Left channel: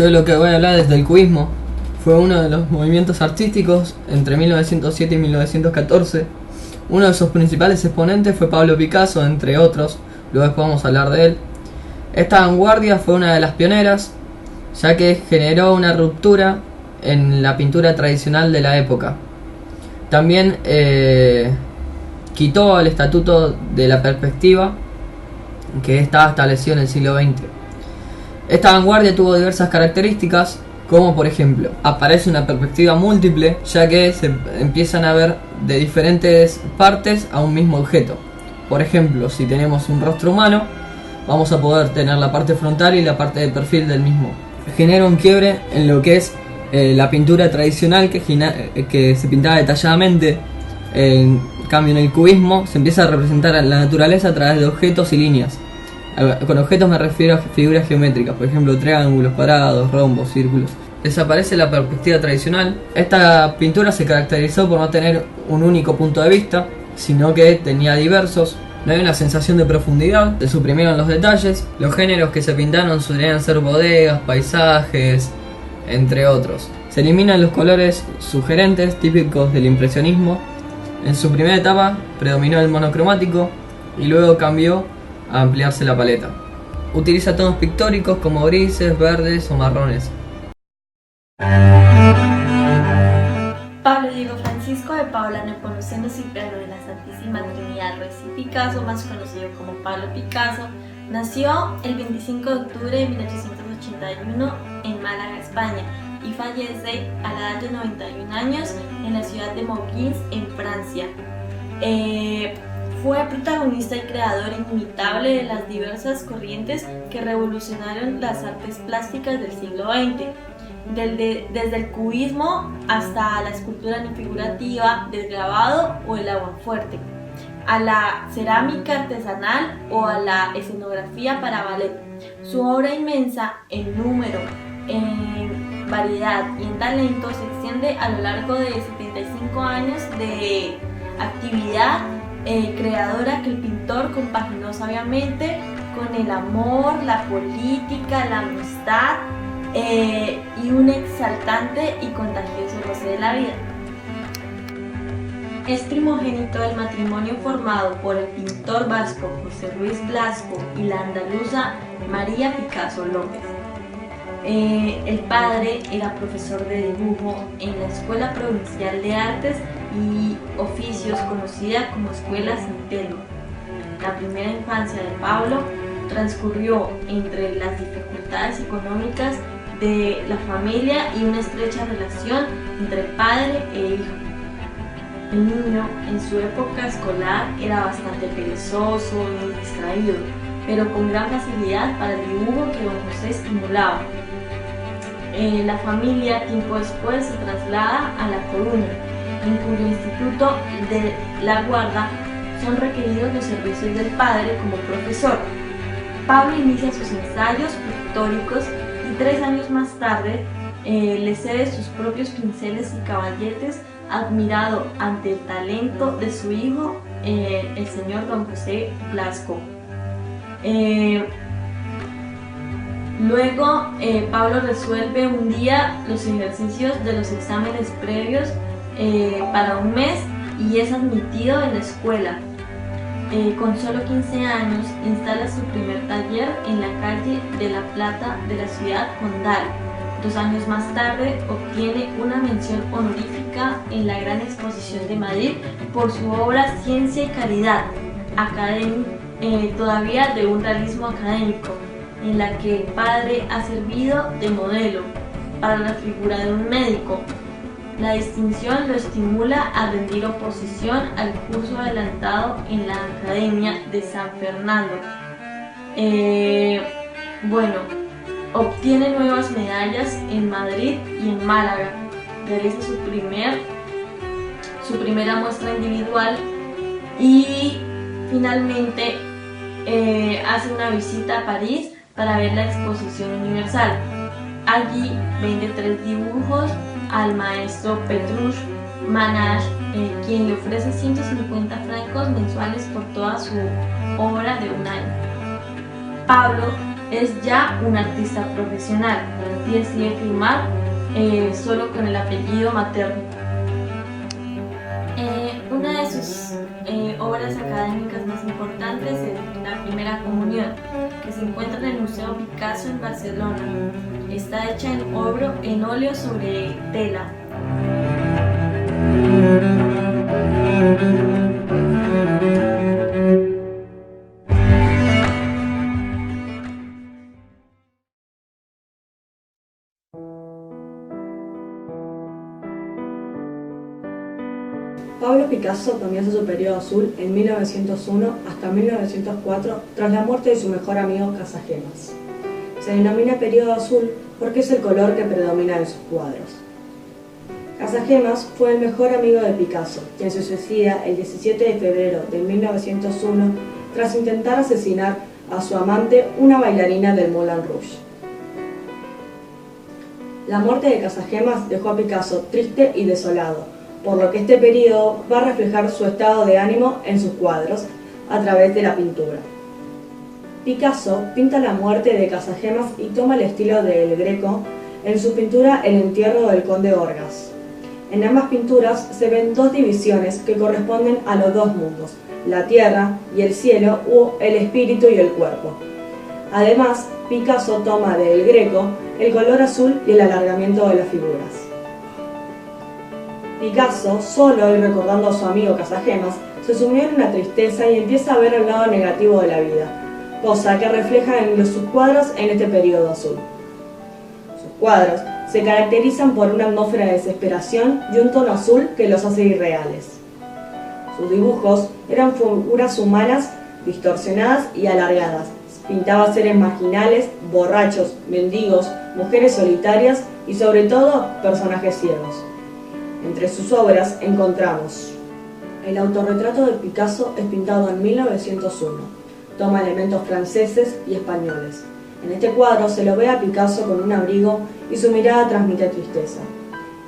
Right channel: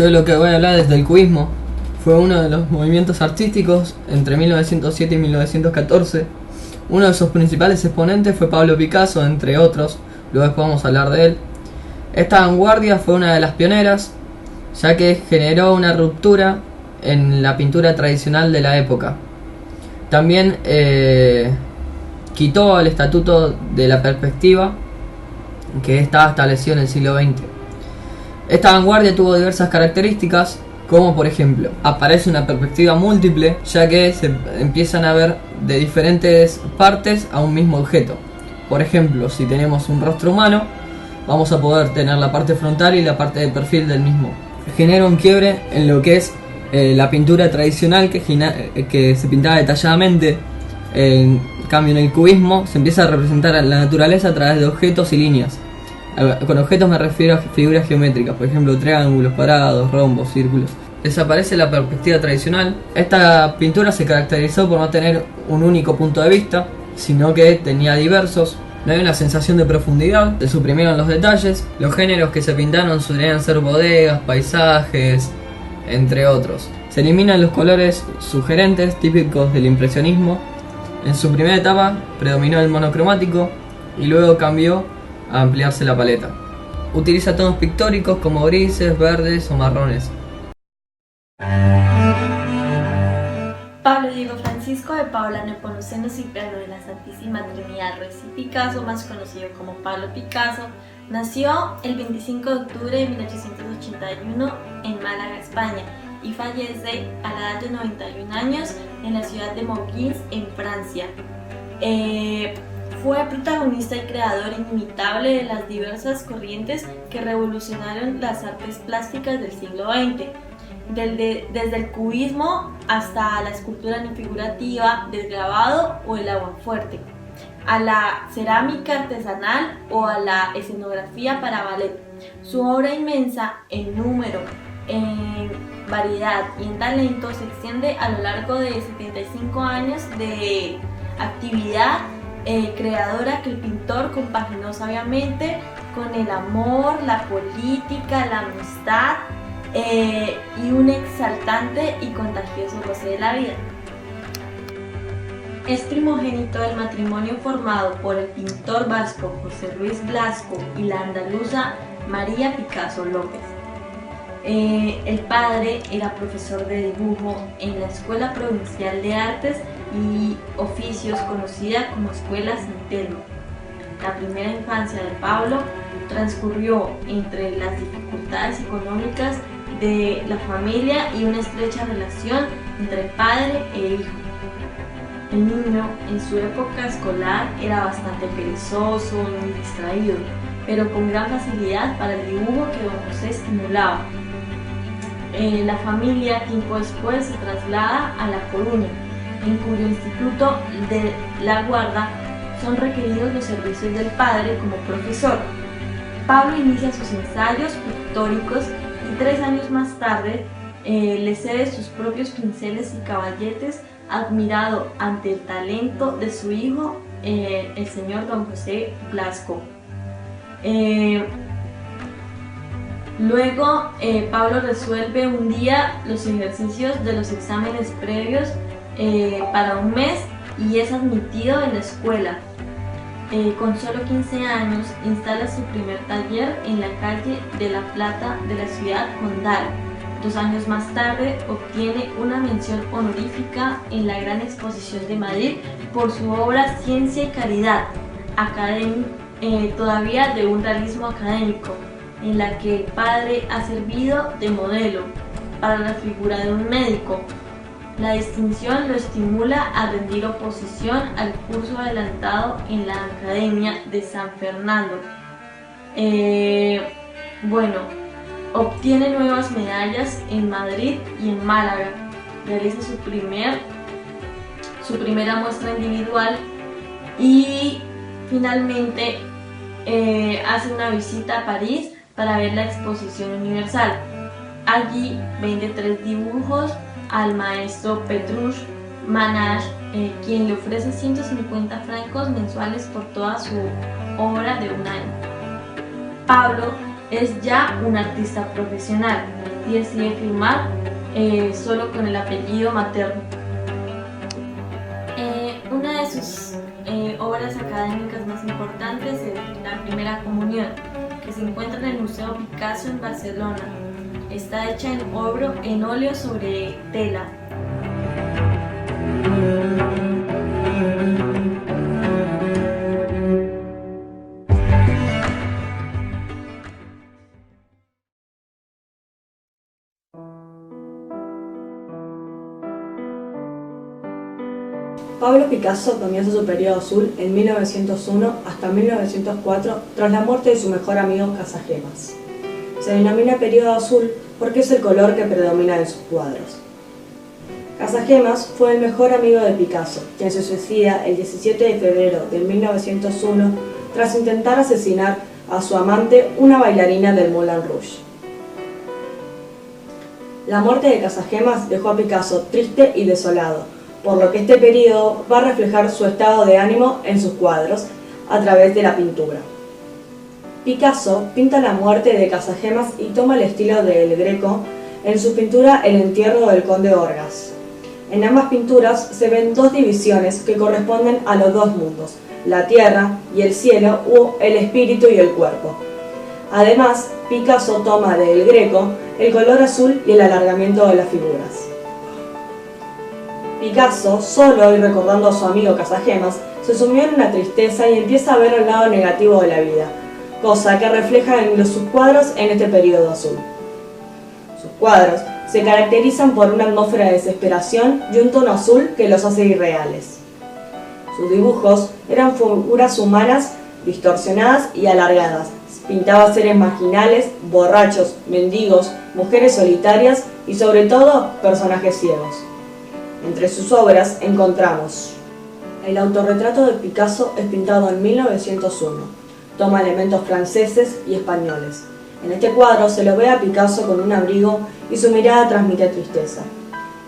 Yo lo que voy a hablar es del cubismo. Fue uno de los movimientos artísticos entre 1907 y 1914. Uno de sus principales exponentes fue Pablo Picasso, entre otros. Luego después vamos a hablar de él. Esta vanguardia fue una de las pioneras, ya que generó una ruptura en la pintura tradicional de la época. También quitó el estatuto de la perspectiva que estaba establecido en el siglo XX. Esta vanguardia tuvo diversas características, como por ejemplo, aparece una perspectiva múltiple, ya que se empiezan a ver de diferentes partes a un mismo objeto. Por ejemplo, si tenemos un rostro humano, vamos a poder tener la parte frontal y la parte de perfil del mismo. Genera un quiebre en lo que es la pintura tradicional que se pintaba detalladamente. En cambio, en el cubismo se empieza a representar a la naturaleza a través de objetos y líneas. Con objetos me refiero a figuras geométricas, por ejemplo triángulos, cuadrados, rombos, círculos. Desaparece la perspectiva tradicional. Esta pintura se caracterizó por no tener un único punto de vista, sino que tenía diversos. No hay una sensación de profundidad, se suprimieron los detalles. Los géneros que se pintaron solían ser bodegas, paisajes, entre otros. Se eliminan los colores sugerentes típicos del impresionismo. En su primera etapa predominó el monocromático y luego cambió a ampliarse la paleta. Utiliza tonos pictóricos como grises, verdes o marrones. Pablo Diego Francisco de Paula Nepomuceno Cipriano de la Santísima Trinidad Ruiz y Picasso, más conocido como Pablo Picasso, nació el 25 de octubre de 1881 en Málaga, España, y fallece a la edad de 91 años en la ciudad de Moulins, en Francia. Fue protagonista y creador inimitable de las diversas corrientes que revolucionaron las artes plásticas del siglo XX, desde el cubismo hasta la escultura no figurativa, del grabado o el aguafuerte, a la cerámica artesanal o a la escenografía para ballet. Su obra inmensa en número, en variedad y en talento se extiende a lo largo de 75 años de actividad creadora que el pintor compaginó sabiamente con el amor, la política, la amistad y un exaltante y contagioso goce de la vida. Es primogénito del matrimonio formado por el pintor vasco José Luis Blasco y la andaluza María Picasso López. El padre era profesor de dibujo en la Escuela Provincial de Artes y Oficios, conocida como Escuela San Telmo. La primera infancia de Pablo transcurrió entre las dificultades económicas de la familia y una estrecha relación entre padre e hijo. El niño en su época escolar era bastante perezoso y muy distraído, pero con gran facilidad para el dibujo que don José estimulaba. La familia tiempo después se traslada a La Coruña, en cuyo instituto de La Guarda son requeridos los servicios del padre como profesor. Pablo inicia sus ensayos pictóricos y 3 años más tarde le cede sus propios pinceles y caballetes, admirado ante el talento de su hijo, el señor don José Blasco. Luego Pablo resuelve un día los ejercicios de los exámenes previos para un mes y es admitido en la escuela. Con solo 15 años instala su primer taller en la calle de La Plata de la ciudad condal. 2 años más tarde obtiene una mención honorífica en la Gran Exposición de Madrid por su obra Ciencia y Caridad, todavía de un realismo académico, en la que el padre ha servido de modelo para la figura de un médico. La distinción lo estimula a rendir oposición al curso adelantado en la Academia de San Fernando. Obtiene nuevas medallas en Madrid y en Málaga. Realiza su primera muestra individual y finalmente hace una visita a París para ver la exposición universal. Allí vende 3 dibujos al maestro Petrush Manage, quien le ofrece 150 francos mensuales por toda su obra de un año. Pablo es ya un artista profesional y decide firmar solo con el apellido materno. Una de sus obras académicas más importantes es La Primera Comunión, que se encuentra en el Museo Picasso en Barcelona. Está hecha en óleo sobre tela. Pablo Picasso comienza su periodo azul en 1901 hasta 1904 tras la muerte de su mejor amigo Casagemas. Se denomina periodo azul porque es el color que predomina en sus cuadros. Casagemas fue el mejor amigo de Picasso, quien se suicida el 17 de febrero de 1901 tras intentar asesinar a su amante, una bailarina del Moulin Rouge. La muerte de Casagemas dejó a Picasso triste y desolado, por lo que este periodo va a reflejar su estado de ánimo en sus cuadros a través de la pintura. Picasso pinta la muerte de Casagemas y toma el estilo del Greco en su pintura El entierro del conde Orgaz. En ambas pinturas se ven dos divisiones que corresponden a los dos mundos, la tierra y el cielo, o el espíritu y el cuerpo. Además, Picasso toma del Greco el color azul y el alargamiento de las figuras. Picasso, solo y recordando a su amigo Casagemas, se sumió en una tristeza y empieza a ver el lado negativo de la vida, cosa que refleja en sus cuadros en este periodo azul. Sus cuadros se caracterizan por una atmósfera de desesperación y un tono azul que los hace irreales. Sus dibujos eran figuras humanas distorsionadas y alargadas. Pintaba seres marginales, borrachos, mendigos, mujeres solitarias y sobre todo personajes ciegos. Entre sus obras encontramos el autorretrato de Picasso, es pintado en 1901. Toma elementos franceses y españoles. En este cuadro se lo ve a Picasso con un abrigo y su mirada transmite tristeza.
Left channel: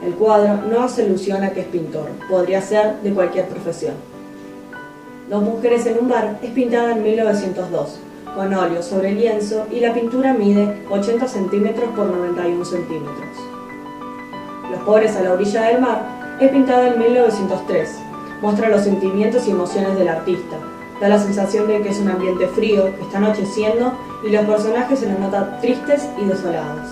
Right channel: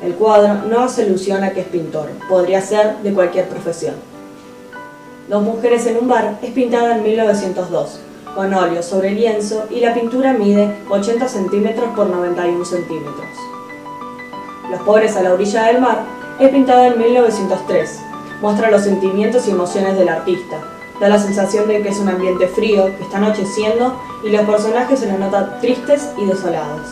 El cuadro no hace alusión a que es pintor, podría ser de cualquier profesión. Dos mujeres en un bar es pintada en 1902, con óleo sobre lienzo, y la pintura mide 80 centímetros por 91 centímetros. Los pobres a la orilla del mar es pintada en 1903. Muestra los sentimientos y emociones del artista. Da la sensación de que es un ambiente frío, que está anocheciendo y los personajes se los notan tristes y desolados.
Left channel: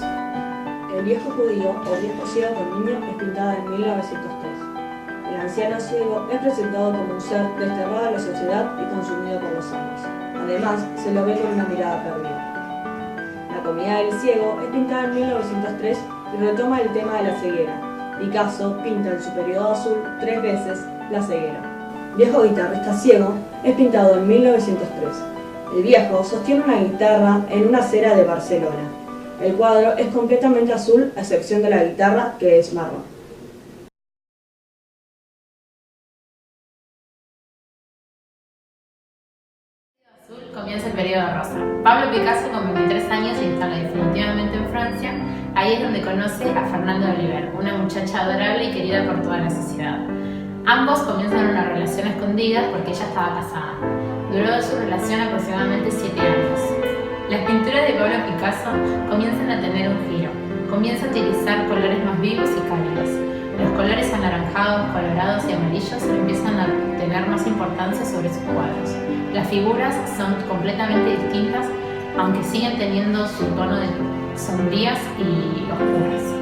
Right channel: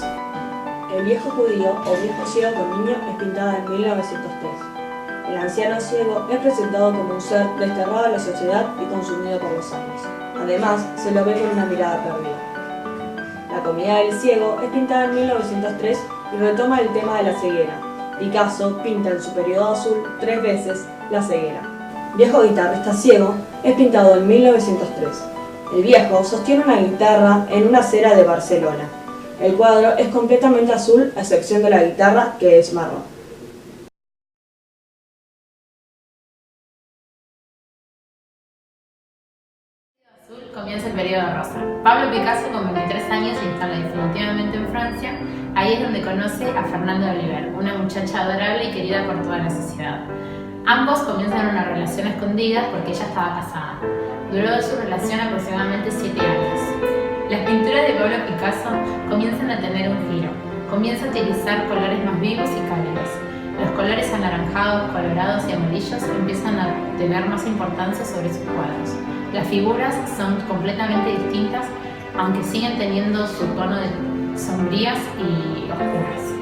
El viejo judío o viejo ciego con niño es pintada en 1903. El anciano ciego es presentado como un ser desterrado de la sociedad y consumido por los hombres. Además, se lo ve con una mirada perdida. La comida del ciego es pintada en 1903 y retoma el tema de la ceguera. Picasso pinta en su periodo azul 3 veces la ceguera. Viejo guitarrista ciego es pintado en 1903. El viejo sostiene una guitarra en una acera de Barcelona. El cuadro es completamente azul a excepción de la guitarra, que es marrón. Comienza el periodo rosa. Pablo Picasso, con 23 años, se instala definitivamente en Francia. Ahí es donde conoce a Fernande Oliver, una muchacha adorable y querida por toda la sociedad. Ambos comienzan una relación escondida porque ella estaba casada. Duró su relación aproximadamente 7 años. Las pinturas de Pablo Picasso comienzan a tener un giro. Comienza a utilizar colores más vivos y cálidos. Los colores anaranjados, colorados y amarillos empiezan a tener más importancia sobre sus cuadros. Las figuras son completamente distintas, aunque siguen teniendo su tono de sombrías y oscuras.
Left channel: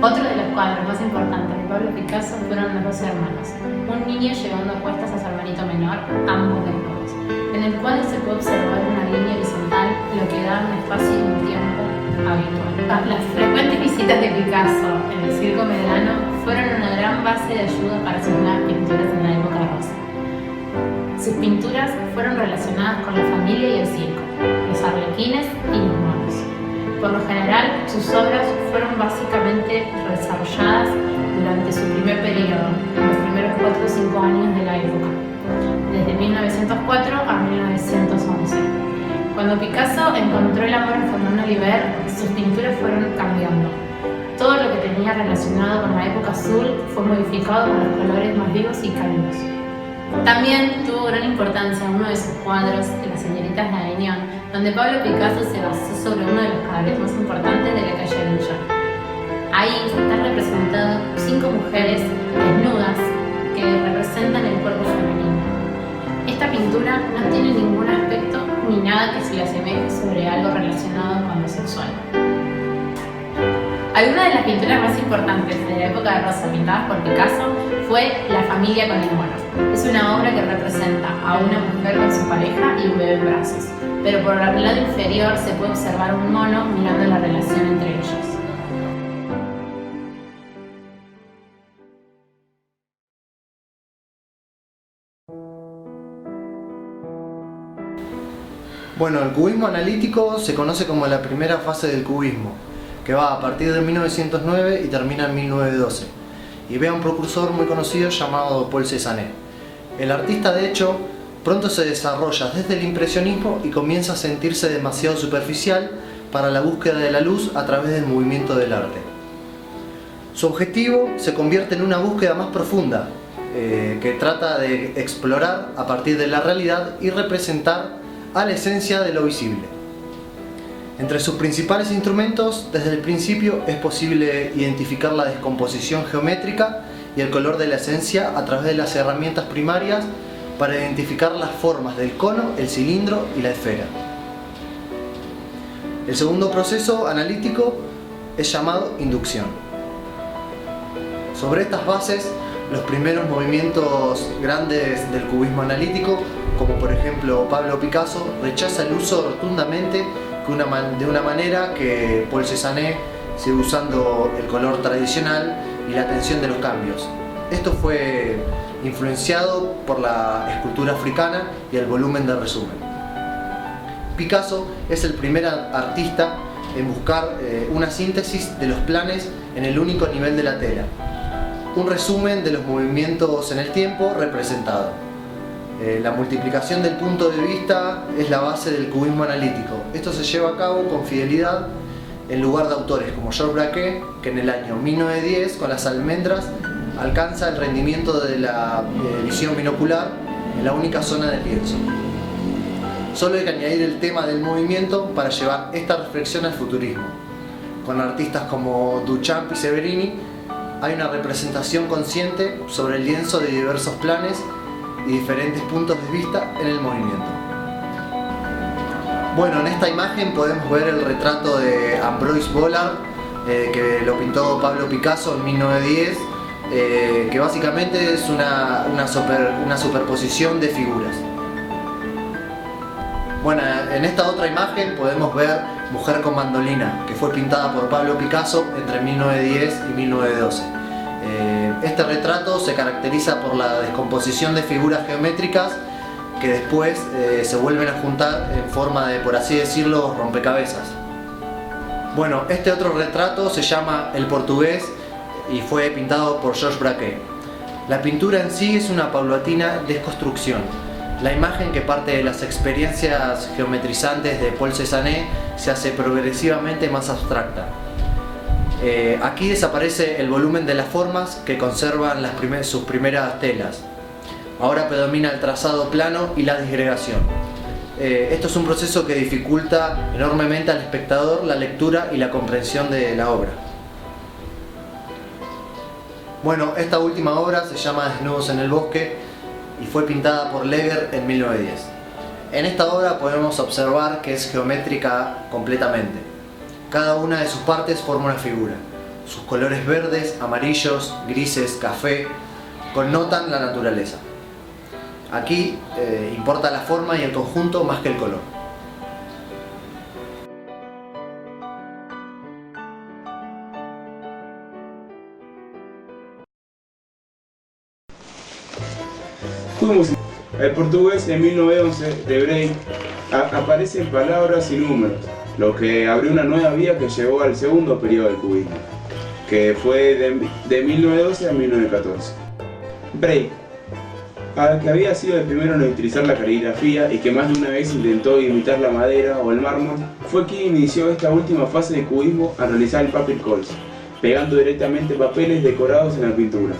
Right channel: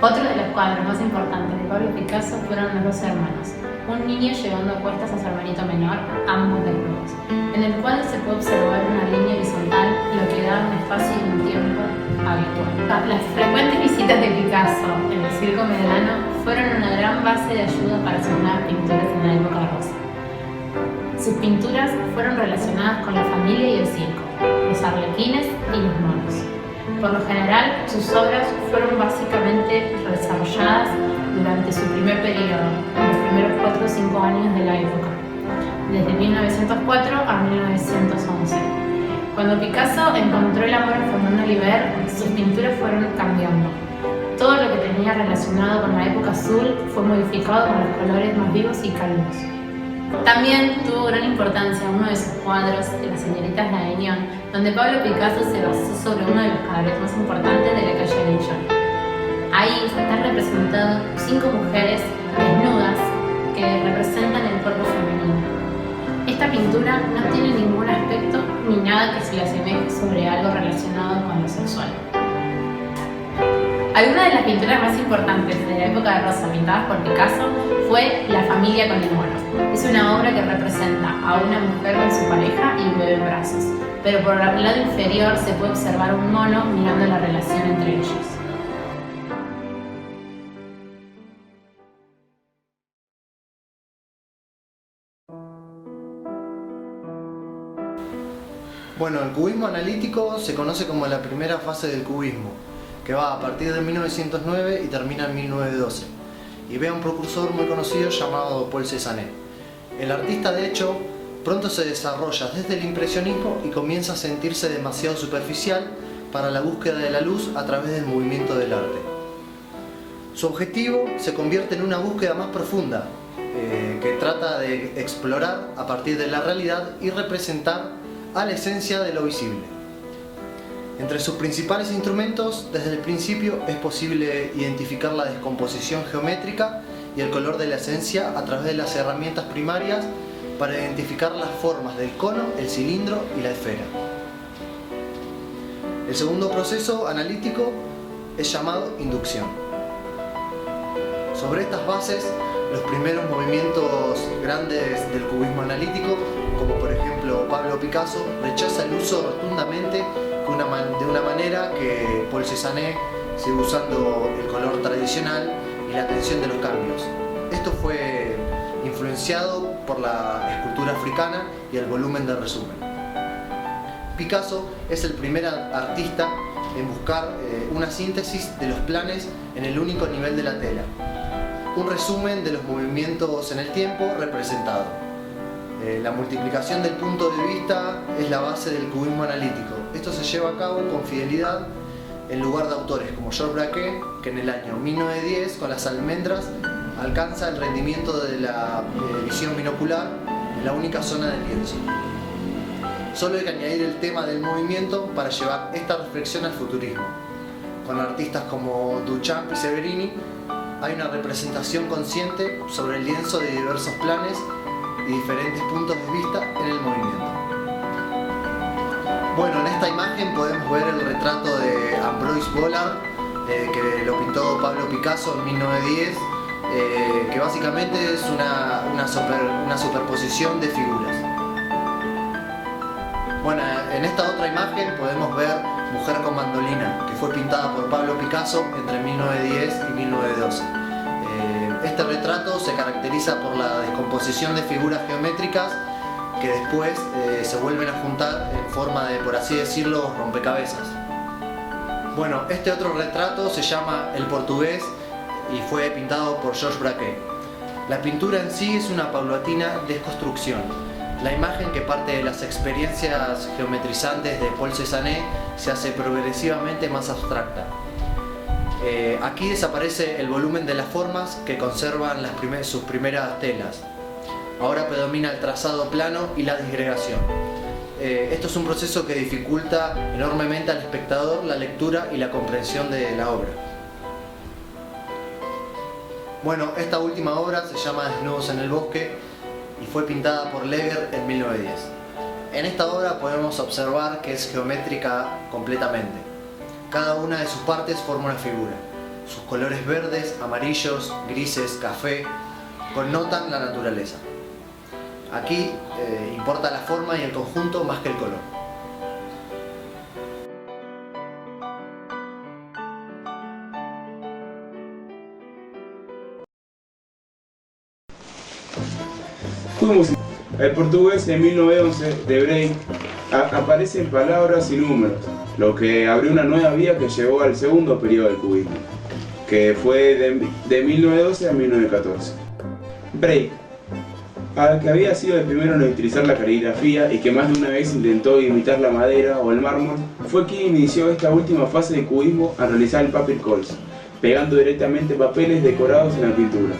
Otro de los cuadros más importantes de Pablo Picasso fueron Los dos hermanos, un niño llevando a cuestas a su hermanito menor, ambos desnudos. En el cuadro se puede observar una línea horizontal, lo que da un espacio y un tiempo habitual. Las frecuentes visitas de Picasso en el Circo Medrano fueron una gran base de ayuda para sus nuevas pinturas en la época rosa. Sus pinturas fueron relacionadas con la familia y el circo, los arlequines y los monos. Por lo general, sus obras fueron básicamente desarrolladas durante su primer periodo, en los primeros 4 o 5 años de la época, desde 1904 a 1911. Cuando Picasso encontró el amor en Fernande Oliver, sus pinturas fueron cambiando. Todo lo que tenía relacionado con la época azul fue modificado con los colores más vivos y cálidos. También tuvo gran importancia uno de sus cuadros, Las señoritas de Avignon, donde Pablo Picasso se basó sobre uno de los cabarets más importantes de la calle Avignon. Ahí están representadas 5 mujeres desnudas que representan el cuerpo femenino. Esta pintura no tiene ningún aspecto ni nada que se le asemeje sobre algo relacionado con lo sexual. Alguna de las pinturas más importantes de la época de Rosa pintadas por Picasso fue La familia con el mono. Es una obra que representa a una mujer con su pareja y un bebé en brazos, pero por el lado inferior se puede observar un mono mirando la relación entre ellos. Bueno, el cubismo analítico se conoce como la primera fase del cubismo, que va a partir de 1909 y termina en 1912, y ve a un precursor muy conocido llamado Paul Cézanne. El artista, de hecho, pronto se desarrolla desde el impresionismo y comienza a sentirse demasiado superficial para la búsqueda de la luz a través del movimiento del arte. Su objetivo se convierte en una búsqueda más profunda, que trata de explorar a partir de la realidad y representar a la esencia de lo visible. Entre sus principales instrumentos, desde el principio es posible identificar la descomposición geométrica y el color de la esencia a través de las herramientas primarias para identificar las formas del cono, el cilindro y la esfera. El segundo proceso analítico es llamado inducción. Sobre estas bases, los primeros movimientos grandes del cubismo analítico, como por ejemplo Pablo Picasso, rechaza el uso rotundamente de una manera que Paul Cézanne sigue usando el color tradicional y la atención de los cambios. Esto fue influenciado por la escultura africana y el volumen del resumen. Picasso es el primer artista en buscar una síntesis de los planes en el único nivel de la tela, un resumen de los movimientos en el tiempo representado. La multiplicación del punto de vista es la base del cubismo analítico. Esto se lleva a cabo con fidelidad en lugar de autores como Georges Braque, que en el año 1910 con las almendras alcanza el rendimiento de la visión binocular en la única zona del lienzo. Solo hay que añadir el tema del movimiento para llevar esta reflexión al futurismo. Con artistas como Duchamp y Severini hay una representación consciente sobre el lienzo de diversos planes y diferentes puntos de vista en el movimiento. Bueno, en esta imagen podemos ver el retrato de Ambroise Vollard, que lo pintó Pablo Picasso en 1910, que básicamente es una superposición de figuras. Bueno, en esta otra imagen podemos ver Mujer con mandolina, que fue pintada por Pablo Picasso entre 1910 y 1912. Este retrato se caracteriza por la descomposición de figuras geométricas que después se vuelven a juntar en forma de, por así decirlo, rompecabezas. Bueno, este otro retrato se llama El portugués y fue pintado por Georges Braque. La pintura en sí es una paulatina desconstrucción. La imagen, que parte de las experiencias geometrizantes de Paul Cézanne, se hace progresivamente más abstracta. Aquí desaparece el volumen de las formas que conservan sus primeras telas. Ahora predomina el trazado plano y la disgregación. Esto es un proceso que dificulta enormemente al espectador la lectura y la comprensión de la obra. Bueno, esta última obra se llama Desnudos en el bosque y fue pintada por Leger en 1910. En esta obra podemos observar que es geométrica completamente. Cada una de sus partes forma una figura. Sus colores verdes, amarillos, grises, café connotan la naturaleza. Aquí importa la forma y el conjunto más que el color. El portugués en 1911 de Braque aparecen palabras y números, lo que abrió una nueva vía que llevó al segundo periodo del cubismo, que fue de 1912 a 1914. Braque, que había sido el primero en utilizar la caligrafía y que más de una vez intentó imitar la madera o el mármol, fue quien inició esta última fase del cubismo al realizar el papier collage, pegando directamente papeles decorados en la pintura.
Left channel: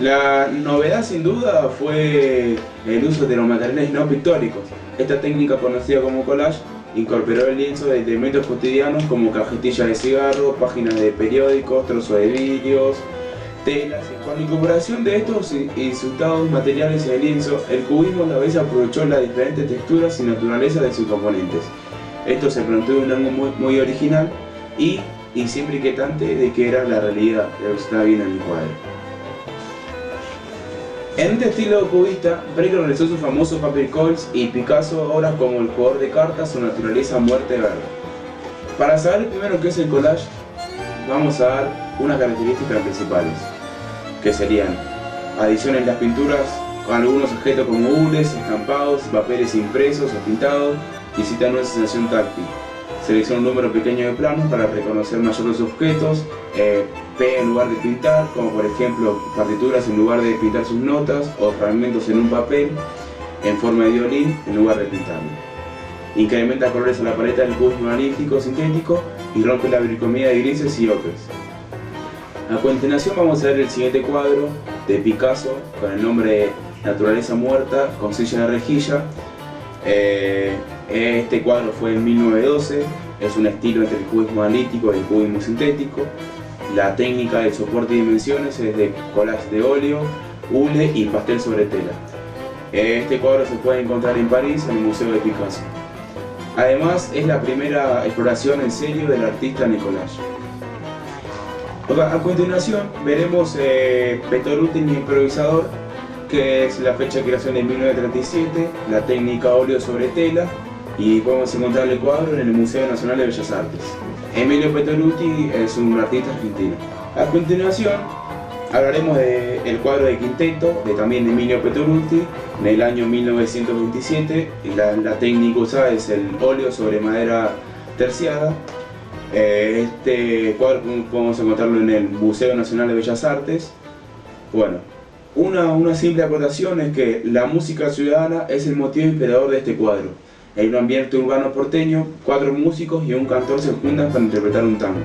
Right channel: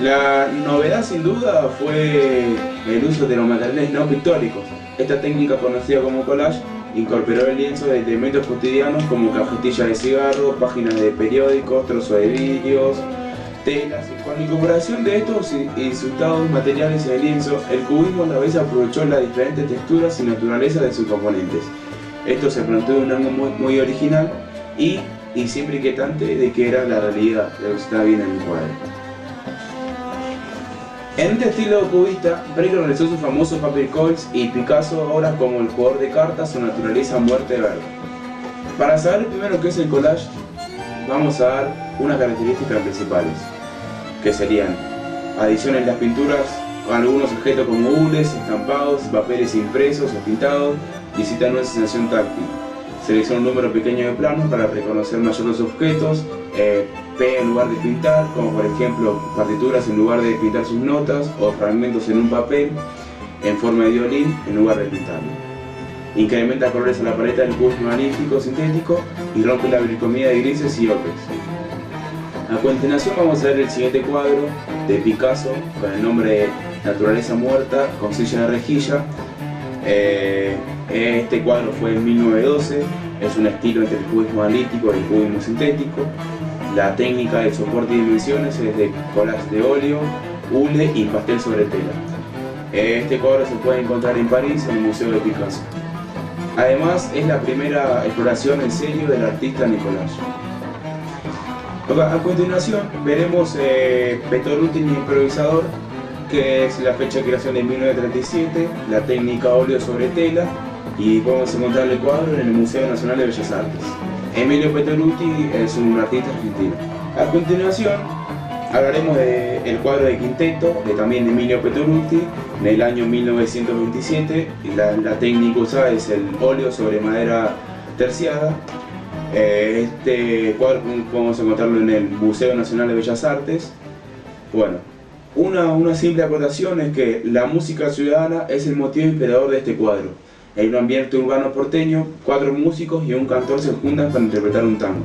La novedad sin duda fue el uso de los materiales no pictóricos. Esta técnica conocida como collage incorporó el lienzo de elementos cotidianos como cajetillas de cigarro, páginas de periódicos, trozos de vidrios, telas. Con la incorporación de estos insultados materiales en el lienzo, el cubismo a la vez aprovechó las diferentes texturas y naturaleza de sus componentes. Esto se planteó un algo muy original y siempre inquietante de que era la realidad de lo que se estaba viendo en el cuadro. En este estilo cubista, Braque realizó sus famosos paper calls y Picasso obras como El jugador de cartas o Naturaleza muerte verde. Para saber primero qué es el collage, vamos a dar unas características principales, que serían adiciones en las pinturas, algunos objetos como hules, estampados, papeles impresos o pintados, y citan una sensación táctil. Selecciona un número pequeño de planos para reconocer mayor los objetos, pega en lugar de pintar, como por ejemplo partituras en lugar de pintar sus notas, o fragmentos en un papel en forma de violín en lugar de pintarlo. Incrementa colores a la paleta del cubismo analítico sintético y rompe la bricomía de grises y ocres. A continuación vamos a ver el siguiente cuadro de Picasso con el nombre de Naturaleza muerta con silla de rejilla. Este cuadro fue en 1912, es un estilo entre el cubismo analítico y el cubismo sintético. La técnica de soporte y dimensiones es de collage de óleo, hule y pastel sobre tela. Este cuadro se puede encontrar en París, en el Museo de Picasso. Además, es la primera exploración en serio del artista en el collage. A continuación veremos Pettoruti improvisador, que es la fecha de creación de 1937, la técnica óleo sobre tela, y podemos encontrar el cuadro en el Museo Nacional de Bellas Artes. Emilio Pettoruti es un artista argentino. A continuación hablaremos del cuadro de Quinteto, también de Emilio Pettoruti, en el año 1927. La técnica usada es el óleo sobre madera terciada. Este cuadro podemos encontrarlo en el Museo Nacional de Bellas Artes. Bueno, una simple acotación es que la música ciudadana es el motivo inspirador de este cuadro. En un ambiente urbano porteño, 4 músicos y un cantor se juntan para interpretar un tango.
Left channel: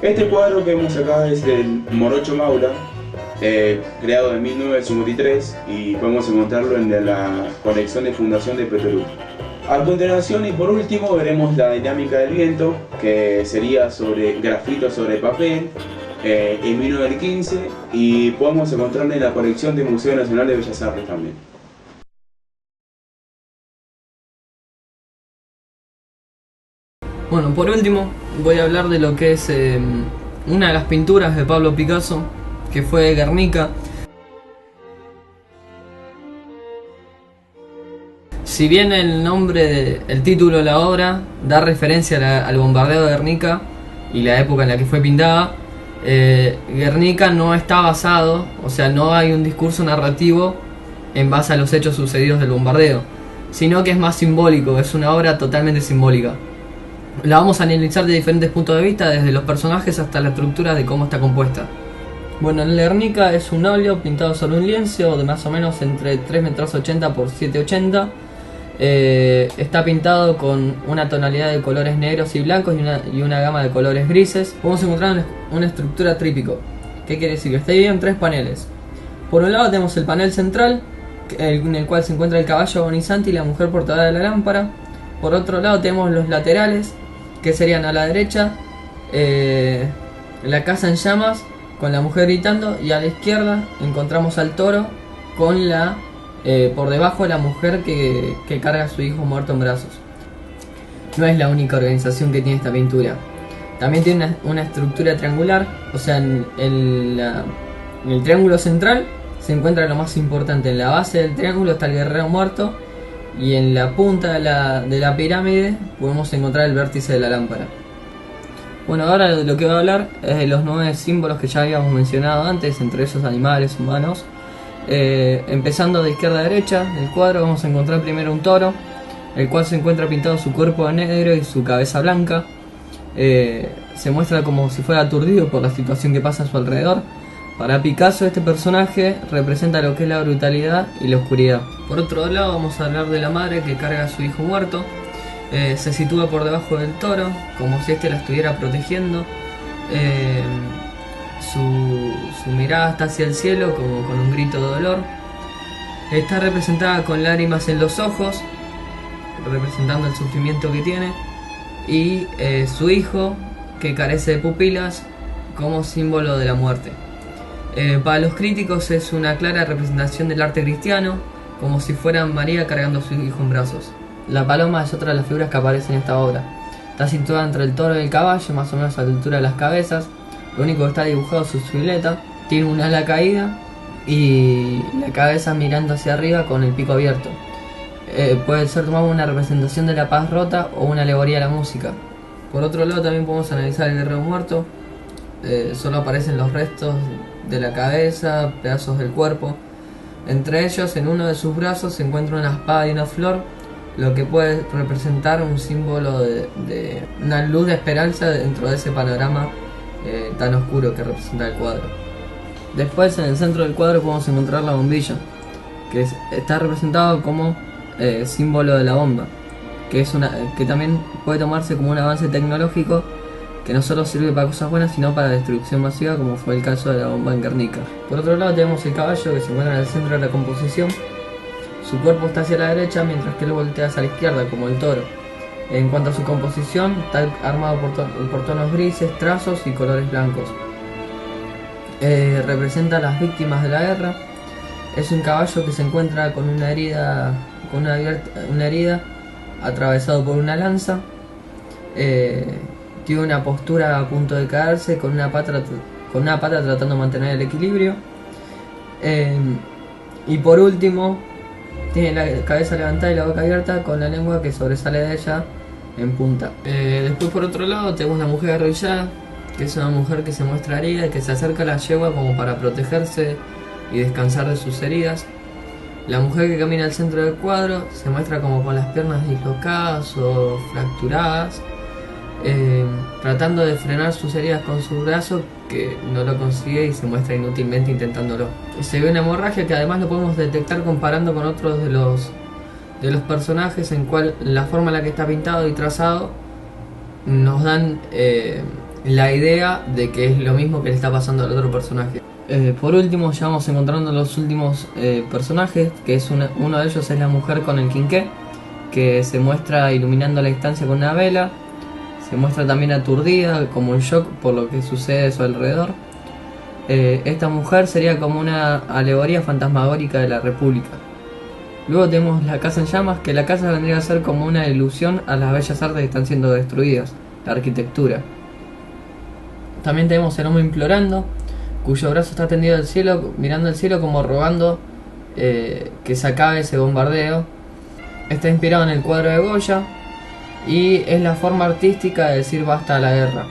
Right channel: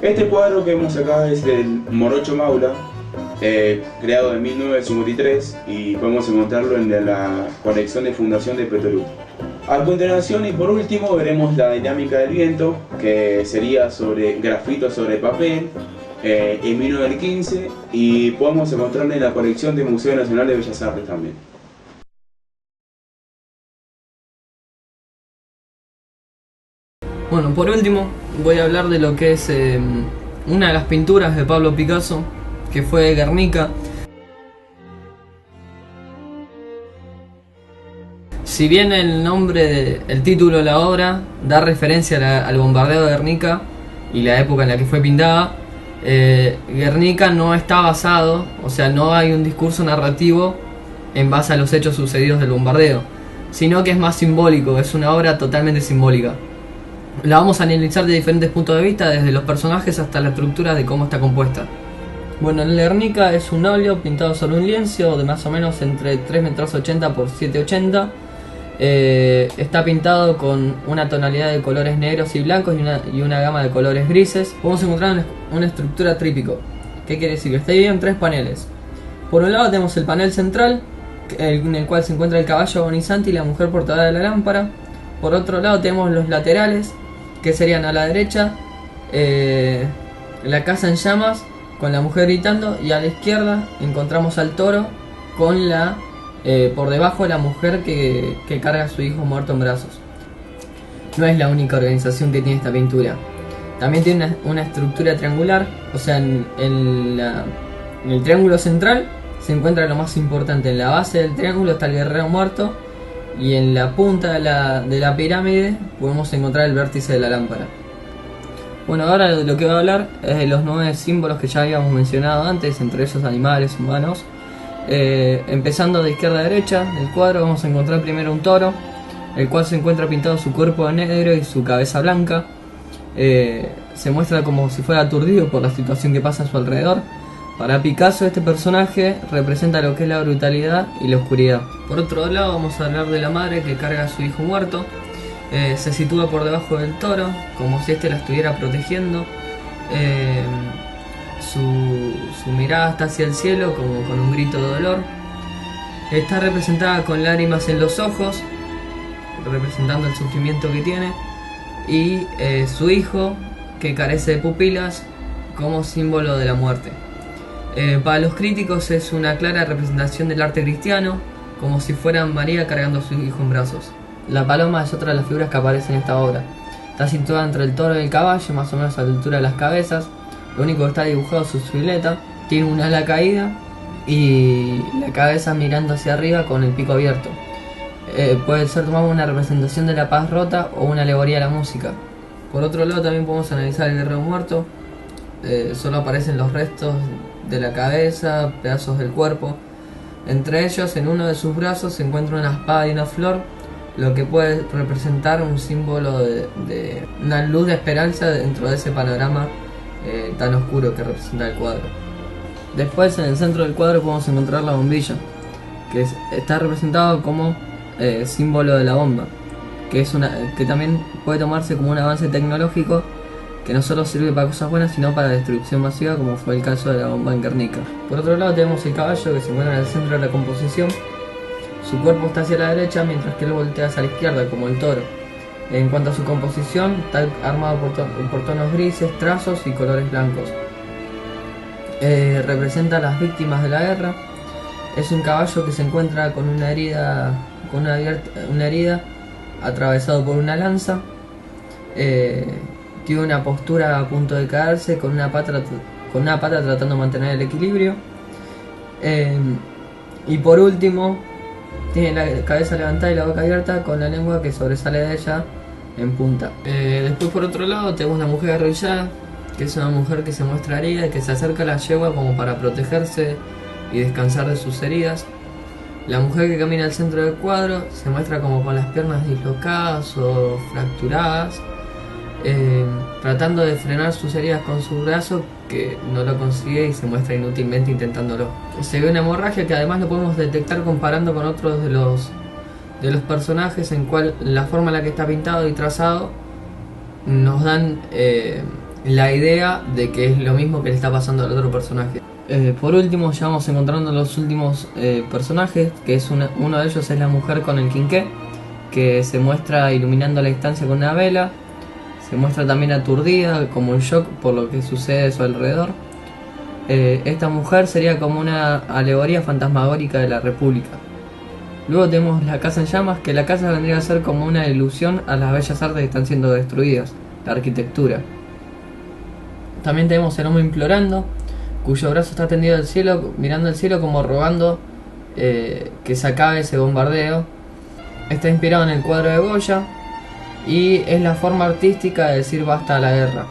Este cuadro que vemos acá es del Morocho Maura, creado en 1953, y podemos encontrarlo en la colección de fundación de Pettoruti. A continuación y por último veremos la dinámica del viento, que sería sobre grafitos sobre papel, en 1915, y podemos encontrarla en la colección del Museo Nacional de Bellas Artes también. Bueno, por último voy a hablar de lo que es una de las pinturas de Pablo Picasso, que fue Guernica. Si bien el título de la obra da referencia al bombardeo de Guernica y la época en la que fue pintada, Guernica no está basado, o sea, no hay un discurso narrativo en base a los hechos sucedidos del bombardeo, sino que es más simbólico, es una obra totalmente simbólica. La vamos a analizar de diferentes puntos de vista, desde los personajes hasta la estructura de cómo está compuesta. Bueno, el Guernica es un óleo pintado sobre un lienzo de más o menos entre 3,80 metros por 7,80. Está pintado con una tonalidad de colores negros y blancos y una gama de colores grises. Podemos encontrar una estructura trípico. ¿Qué quiere decir? Que está dividido en 3 paneles. Por un lado tenemos el panel central, en el cual se encuentra el caballo agonizante y la mujer portadora de la lámpara. Por otro lado tenemos los laterales, que serían a la derecha la casa en llamas con la mujer gritando, y a la izquierda encontramos al toro con por debajo la mujer que carga a su hijo muerto en brazos. No es la única organización que tiene esta pintura. También tiene una estructura triangular, o sea, en el triángulo central se encuentra lo más importante. En la base del triángulo está el guerrero muerto, y en la punta de la pirámide podemos encontrar el vértice de la lámpara. Bueno, ahora de lo que voy a hablar es de los 9 símbolos que ya habíamos mencionado antes, entre ellos animales, humanos. Empezando de izquierda a derecha del cuadro vamos a encontrar primero un toro, el cual se encuentra pintado su cuerpo de negro y su cabeza blanca. Se muestra como si fuera aturdido por la situación que pasa a su alrededor. Para Picasso este personaje representa lo que es la brutalidad y la oscuridad. Por otro lado vamos a hablar de la madre que carga a su hijo muerto. Se sitúa por debajo del toro, como si éste la estuviera protegiendo. Su mirada está hacia el cielo como con un grito de dolor. Está representada con lágrimas en los ojos, representando el sufrimiento que tiene. Y su hijo, que carece de pupilas, como símbolo de la muerte. Para los críticos es una clara representación del arte cristiano, como si fuera María cargando a su hijo en brazos. La paloma es otra de las figuras que aparece en esta obra. Está situada entre el toro y el caballo, más o menos a la altura de las cabezas. Lo único que está dibujado es su silueta. Tiene un ala caída y la cabeza mirando hacia arriba con el pico abierto. Puede ser tomado una representación de la paz rota o una alegoría a la música. Por otro lado, también podemos analizar el guerrero muerto. Solo aparecen los restos de la cabeza, pedazos del cuerpo. Entre ellos, en uno de sus brazos se encuentra una espada y una flor, lo que puede representar un símbolo de una luz de esperanza dentro de ese panorama tan oscuro que representa el cuadro. Después, en el centro del cuadro podemos encontrar la bombilla, que está representado como símbolo de la bomba, que también puede tomarse como un avance tecnológico que no solo sirve para cosas buenas, sino para destrucción masiva, como fue el caso de la bomba en Guernica. Por otro lado tenemos el caballo, que se encuentra en el centro de la composición. Su cuerpo está hacia la derecha, mientras que él voltea hacia la izquierda, como el toro. En cuanto a su composición, está armado por tonos grises, trazos y colores blancos. Representa a las víctimas de la guerra. Es un caballo que se encuentra con una herida, atravesado por una lanza. Tiene una postura a punto de caerse, con una pata tratando de mantener el equilibrio. Y por último, tiene la cabeza levantada y la boca abierta, con la lengua que sobresale de ella en punta. Después, por otro lado, tenemos la mujer arrodillada, que es una mujer que se muestra herida y que se acerca a la yegua como para protegerse y descansar de sus heridas. La mujer que camina al centro del cuadro se muestra como con las piernas dislocadas o fracturadas, tratando de frenar sus heridas con su brazo, que no lo consigue y se muestra inútilmente intentándolo. Se ve una hemorragia que además lo podemos detectar comparando con otros de los personajes, en cual la forma en la que está pintado y trazado nos dan la idea de que es lo mismo que le está pasando al otro personaje. Por último, ya vamos encontrando los últimos personajes, que es uno de ellos es la mujer con el quinqué, que se muestra iluminando la estancia con una vela. Se muestra también aturdida, como en shock por lo que sucede a su alrededor. Esta mujer sería como una alegoría fantasmagórica de la República. Luego tenemos la casa en llamas, que la casa vendría a ser como una ilusión a las bellas artes que están siendo destruidas, la arquitectura. También tenemos el hombre implorando, cuyo brazo está tendido al cielo, mirando al cielo como rogando que se acabe ese bombardeo. Está inspirado en el cuadro de Goya y es la forma artística de decir basta a la guerra.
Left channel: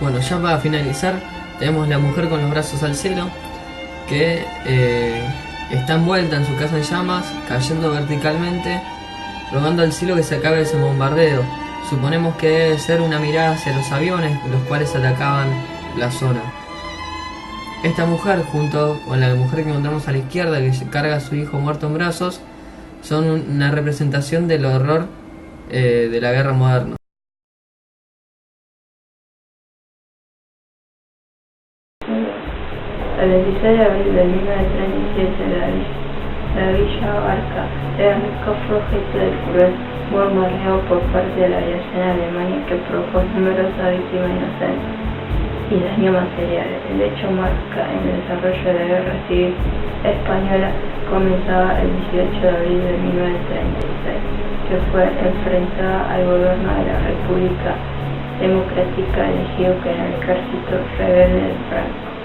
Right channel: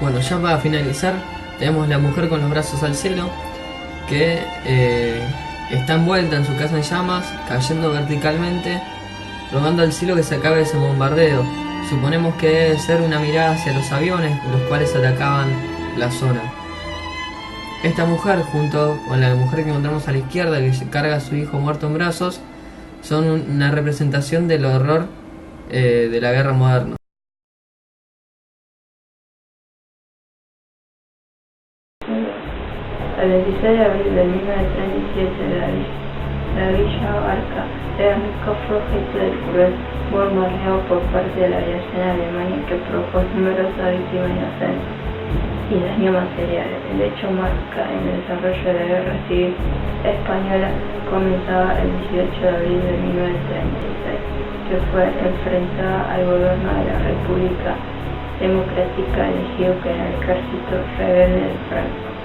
Bueno, ya para finalizar, tenemos la mujer con los brazos al cielo, que está envuelta en su casa en llamas, cayendo verticalmente, rogando al cielo que se acabe ese bombardeo. Suponemos que debe ser una mirada hacia los aviones, los cuales atacaban la zona. Esta mujer, junto con la mujer que encontramos a la izquierda, que carga a su hijo muerto en brazos, son una representación del horror de la guerra moderna. El 16 de abril de 1937, la Villa Barca era fue objeto del cruel bombardeo por parte de la aviación alemana, que provocó numerosas víctimas inocentes y daños materiales. El hecho marca en el desarrollo de la Guerra Civil Española, comenzaba el 18 de abril de 1936, que fue enfrentada al gobierno de la República Democrática elegido con el ejército rebelde de Franco.